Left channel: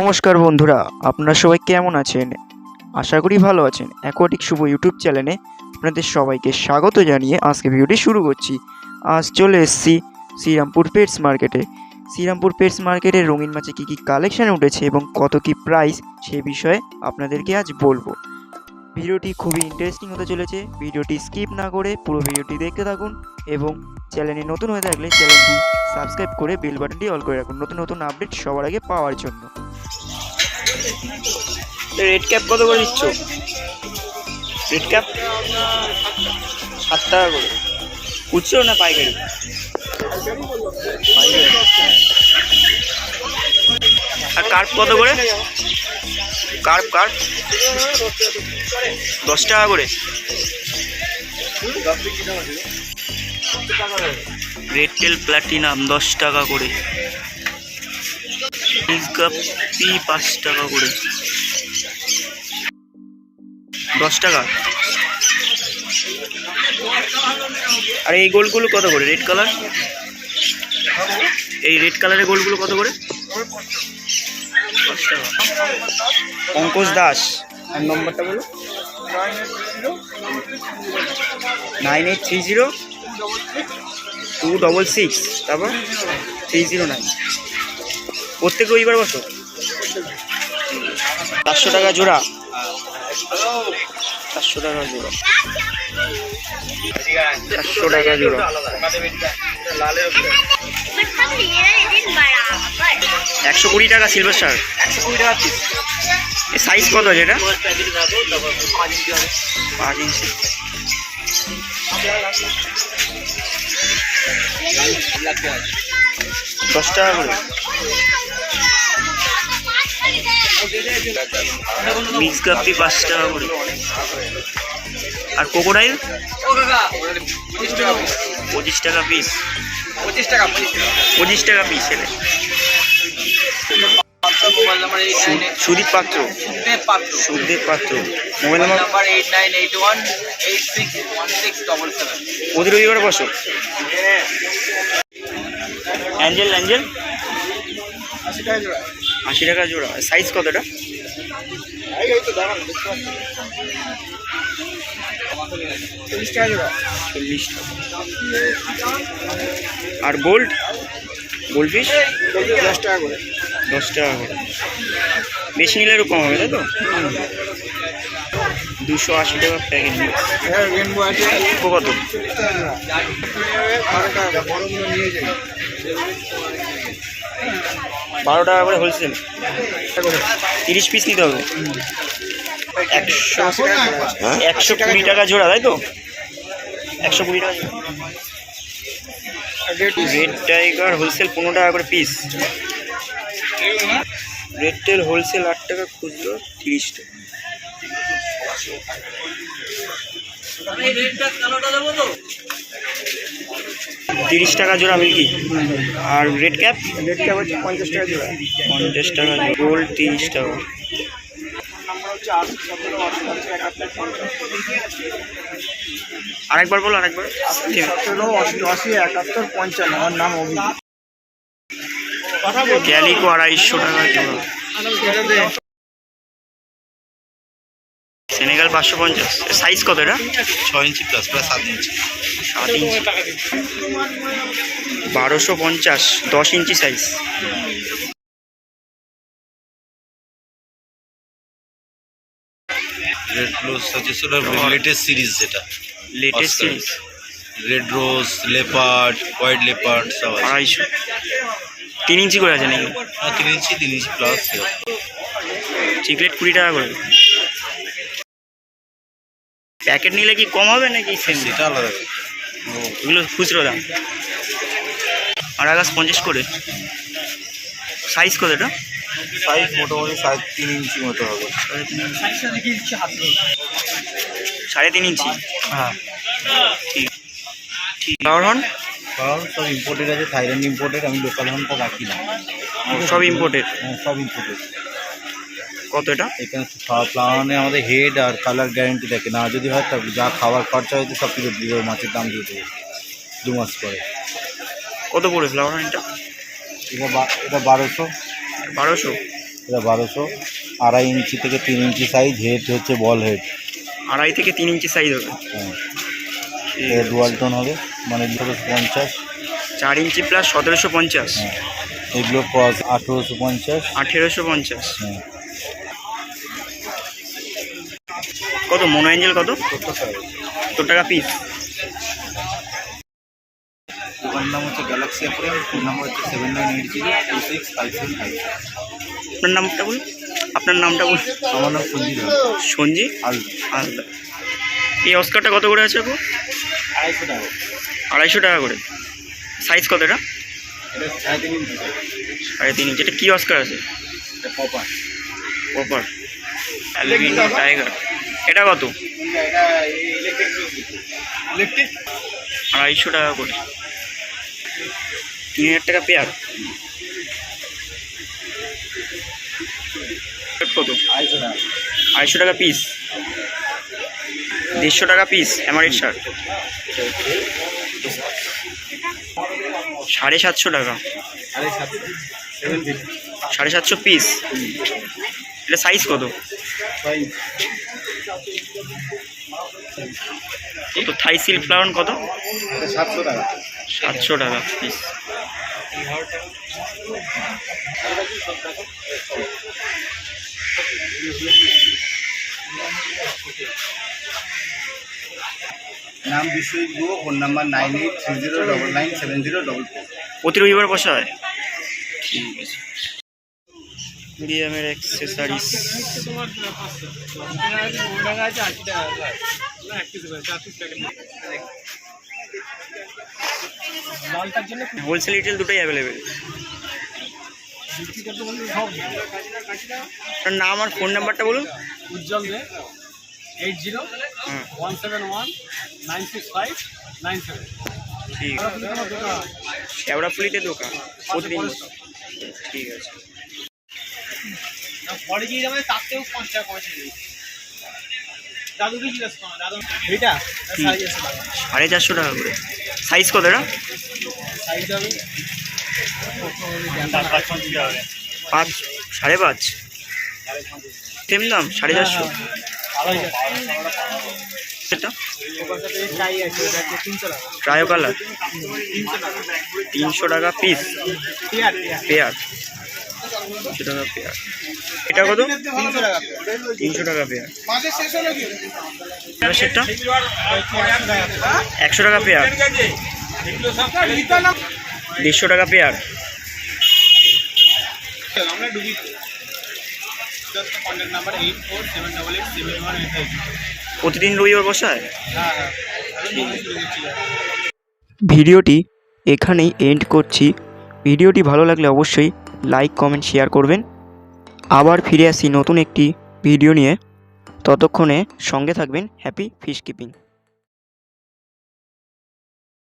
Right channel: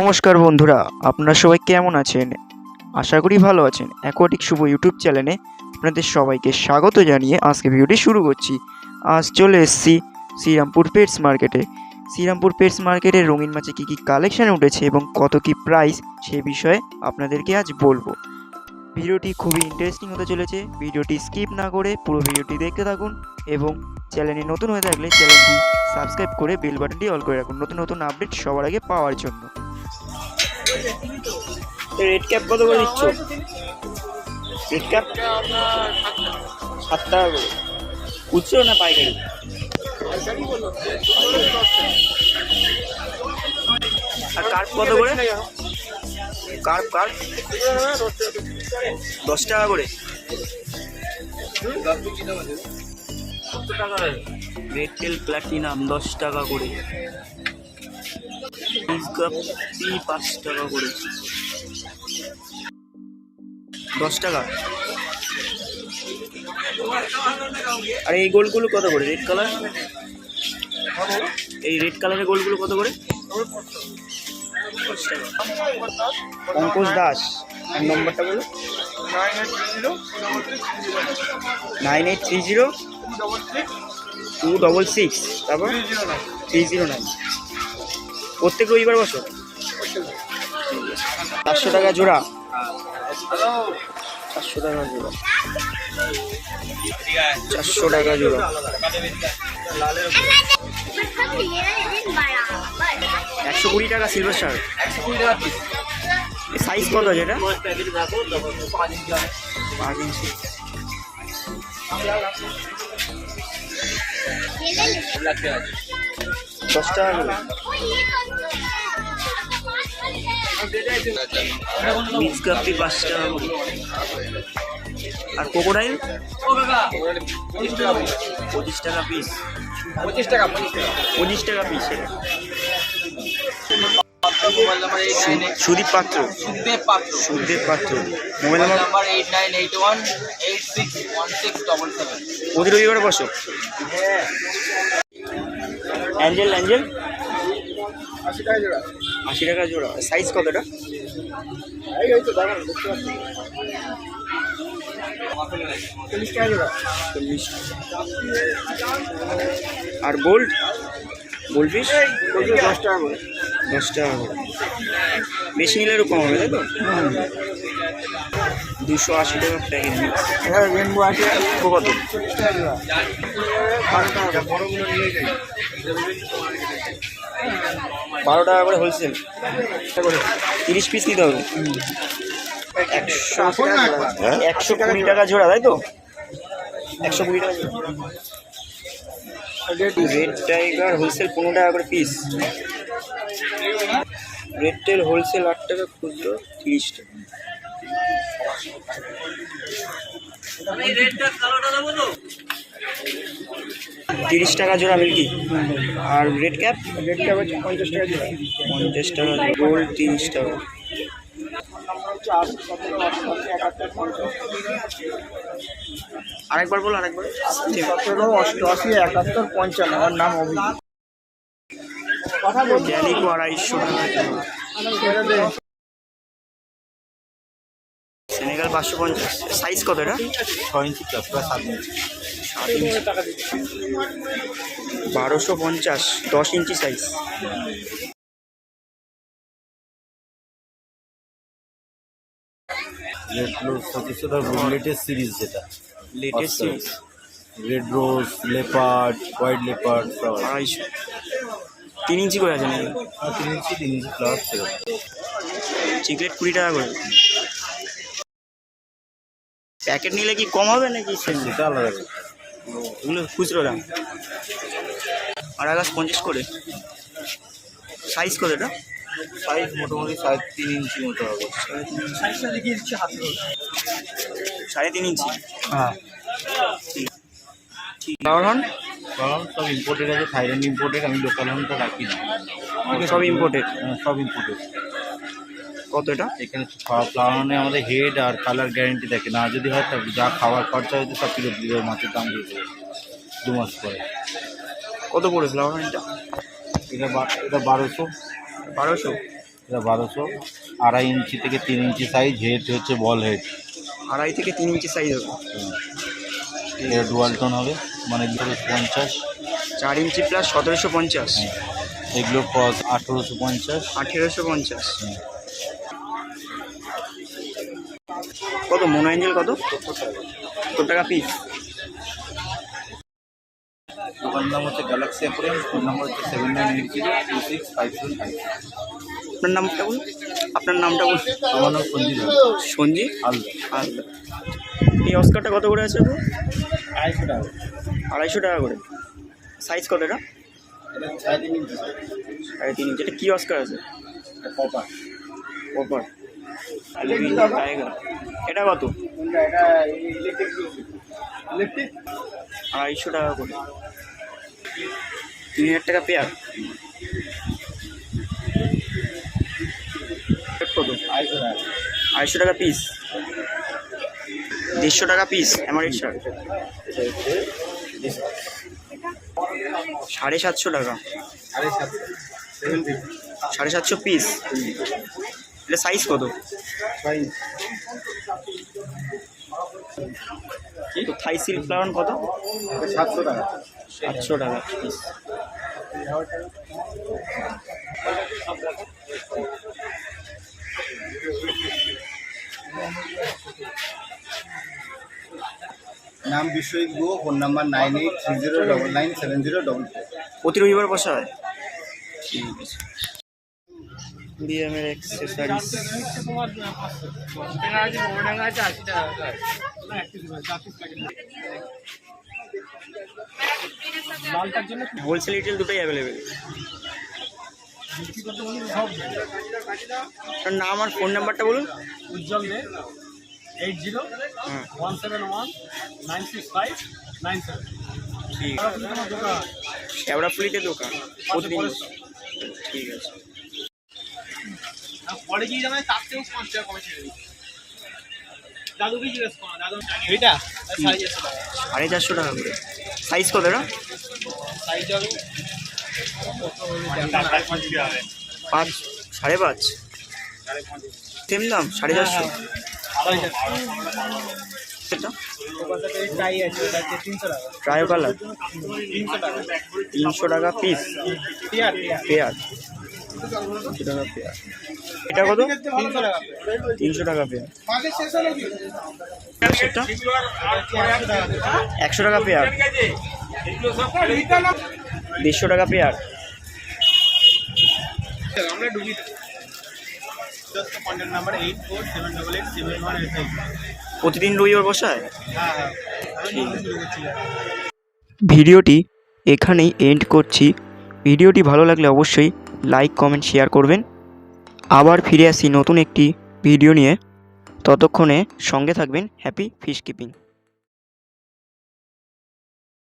নমস্কার বন্ধুরা, আপনারা সবাই কেমন আছেন? আশা করি ভালো আছেন। অ্যাকোয়াটিক শুভ ইউটিউব চ্যানেলে আপনাদের সবাইকে স্বাগত জানিয়ে আজকে ভিডিওটি শুরু করছি। আজ চলে এসেছি শ্রীরামপুর পেটস মার্কেটে। শ্রীরামপুর পেটস মার্কেটে রঙিন মাছে কী কী কালেকশান উঠেছে এবং কত কী প্রাইস সে বিষয়ে আপনাদেরকে আজ বলবো। ভিডিওটি খুবই ইন্টারেস্টিং হতে চলেছে। ভিডিওটি স্কিপ না করে পুরো ভিডিওটি দেখতে থাকুন এবং চ্যানেলে নতুন হয়ে থাকলে চ্যানেলটি সাবস্ক্রাইব করে বেল বাটনটি অল করে রাখুন নতুন নতুন আপডেট সবার আগে পাওয়ার জন্য। রেড ক্যাপ কত করে দিচ্ছ? রেড ক্যাপ 7 টাকা করে। খুচরো না পাইকারি? আর কার্প কত করে? কার্প 10 টাকা করে। রেড টেল প্লাটিনাম 10 টাকা করে। গাপ্পি 5 টাকা করে। 10 টাকা। আর এই গোলগুলো কত করে? রেড কালার, এই রেড কালারের গোলগুলো কত করে? 10 টাকা। পঙ্কজ দাস, আর নম্বরটা বলো। 9830 তারপর 309। প্রত্যেক রবিবার বসো? 400 টাকা জোড়া। 400 টাকা জোড়া। 400 টাকা জোড়া। 120 টাকা সিলভার শার্ক। সাইজ কত আছে এটা? 5 ইঞ্চি। 10 টাকা করে। মিক্স গাপ্পি 5 টাকা করে। আর ক্রোকোডাইল 25 টাকা পিস। 25 টাকা পিস। এটা সুদীপ পাত্র। সুদেব পাত্র। Mobile number 8981861677। প্রতি রবিবারে বসো? অ্যাঞ্জেল 80 টাকা জোড়া। সাইজ কতটা? 40 টাকা। আর গোল্ডফিশ 10 টাকা করে। 10 টাকা করে। বেশি নিলে আরও কম হবে, তাই তো? 280 টাকা প্যাকেট। কত? 12 টাকা করে হোলসেল। 30 পিস নিতে হবে। 120 টাকা জোড়া, তাই তো? 120 টাকা জোড়া। রেড টাইগার হোলসেল 15 টাকা করে পিস। রেড টেল হোলসেল 8 টাকা, খুচরো 30 টাকা। $30 টাকা জোড়া মিল্কি। আর রেড ক্যাপ? 50 টাকা জোড়া। 50 টাকা। গোল্ড 30 টাকা। আরেকবার বলো, আরেকবার। 17, 88, 71, 55। আমার নাম অভিজিৎ। ক্যালিকো 250 টাকা জোড়া। সেনেগাল 550। সাইজ কত এটা? 6 ইঞ্চি প্লাস, প্রায় 7 ইঞ্চি। 7 ইঞ্চি। 1250। 10 ইঞ্চি সাইজ। রেড রোজ হচ্ছে লেটেস্ট সিরিজ, যেটা latest series. Red rose, leopard, white leopard সব আছে। 250। 3 ইঞ্চি করে আছে নাকি? 3 ইঞ্চি প্লাস। চিকলেট 20 টাকা করে। প্যাকেট নিলে কি কম হবে নাকি? সেটা আলাদা। এগুলো খুচরো দাম। আর আগাছ 50 করে। সাইজ কত এটা? সাইজ মোটামুটি 3.5 ইঞ্চি মতো হবে। 3.5 ইঞ্চি। হ্যাঁ, ঠিক। ফ্লাওয়ার হর্ন কারণ সব ইম্পোর্টেড আছে। থাইল্যান্ড ইম্পোর্টেড, আমি লোকাল হর্নটা রাখি না। সব ইম্পোর্টেড। সব ইম্পোর্টেড। কত এটা? এখানে ফ্লাওয়ারে আমাদের হেড আর কালার গ্যারেন্টি থাকে। না যদি হয় তাহলে যা খাবার খরচা হয়তো সব ফেরত দিয়ে দেবে, মাছের দাম দিয়ে দেবে 2 মাস পরে। কত পড়ে ফ্লাওয়ার হর্নটা? এটা 1200। 1200। এটা 1200। 2.5 ইঞ্চি থেকে 3 ইঞ্চি সাইজ, হেড হচ্ছে বল হেড। 2.5 থেকে 3 ইঞ্চি সাইজ হবে। হ্যাঁ, এটা ডুয়াল টোন হবে, মানে 1750। 4 ইঞ্চি প্লাস 1750। হ্যাঁ, এগুলো কস 1850। 1850। হ্যাঁ, কত মোনো অ্যাঞ্জেল কত? 70 টাকা পিস। দোকান নাম হচ্ছে গ্যালাক্সি অ্যাকোরিয়াম, ফোন নাম্বার হচ্ছে 7980265756। আপনার নামটা বলুন, আপনার নামটা বলুন। আমার নাম সঞ্জিত সঞ্জিত হালদার। হালদার। এই অস্কারটা কত করে আছে আপু? 250 টাকা। 250 টাকা করে। সাইজ কত এটা? এটা 3.5 ইঞ্চি। 3.5 ইঞ্চি। এটা কি অস্কার আছে? এটা পপার। Copper aluminium tiger. এটা কত? এটা ইলেকট্রিক 250 টাকা করে। 3000 টাকা পেয়ার। কত? 250 টাকা পিস। 150 টাকা পিস এমারেট শার্ট। 750 টাকা। 750 পিস। এটা সাইজ কত? তো থাই সিল্ক ফ্লাওয়ার কত? 700 টাকা। 700 টাকা পিস। নাম বিশ্বজিৎ গুহ, ফোন নাম্বার 9830997044। প্রতি রবিবার বসা হয়? ঠিক আছে। বিএমের অ্যাক্সেসরিজ। হোলসেল রিটেল দুটোই অ্যাভেলেবেল। আপনার নাম আর ফোন নাম্বারটা বলুন। উজ্জ্বল দে 80-171-965-967। ঠিক আছে। আমার দোকান শ্যাওড়াফুলিতে দোকান প্রতিদিন বসে। ঠিক আছে। পরে গিয়ে যাবে, তার থেকেও 5 টাকা কমে ছেড়ে দিই। দাদুকে জিজ্ঞেস করো, দাদু এইটা 450 টাকা। 450 টাকা করে। সাইজ কত এটা? সাইজ হবে 5, 5.5। সেম দাম 450। এটা টাই আছে, এটা হচ্ছে 300 টাকা। ট্রায়ো কালার 300 টাকা 300 টাকা পিস। পেয়ার পেয়ার 300 টাকা পেয়ার। এটা কত? 300 টাকা 300 টাকা পেয়ার। মাঝে শেষ হলো কি? সেটা 100 টাকা পেয়ার। 150 টাকা পেয়ার। আমরা ডুবি জাস্ট কন্টাক্ট নাম্বার 8478871885। প্রতিদিন রবিবার বসায়? হ্যাঁ হ্যাঁ, আমি ডুবি শুরু করছি। ভিডিওটি এখানেই এন্ড করছি। ভিডিওটি ভালো লাগলে অবশ্যই লাইক কমেন্ট শেয়ার করবেন। আবার ফিরে আসি নতুন একটি ভিডিও নিয়ে। ততক্ষণে সঙ্গে থাকবেন। Happy fish keeping.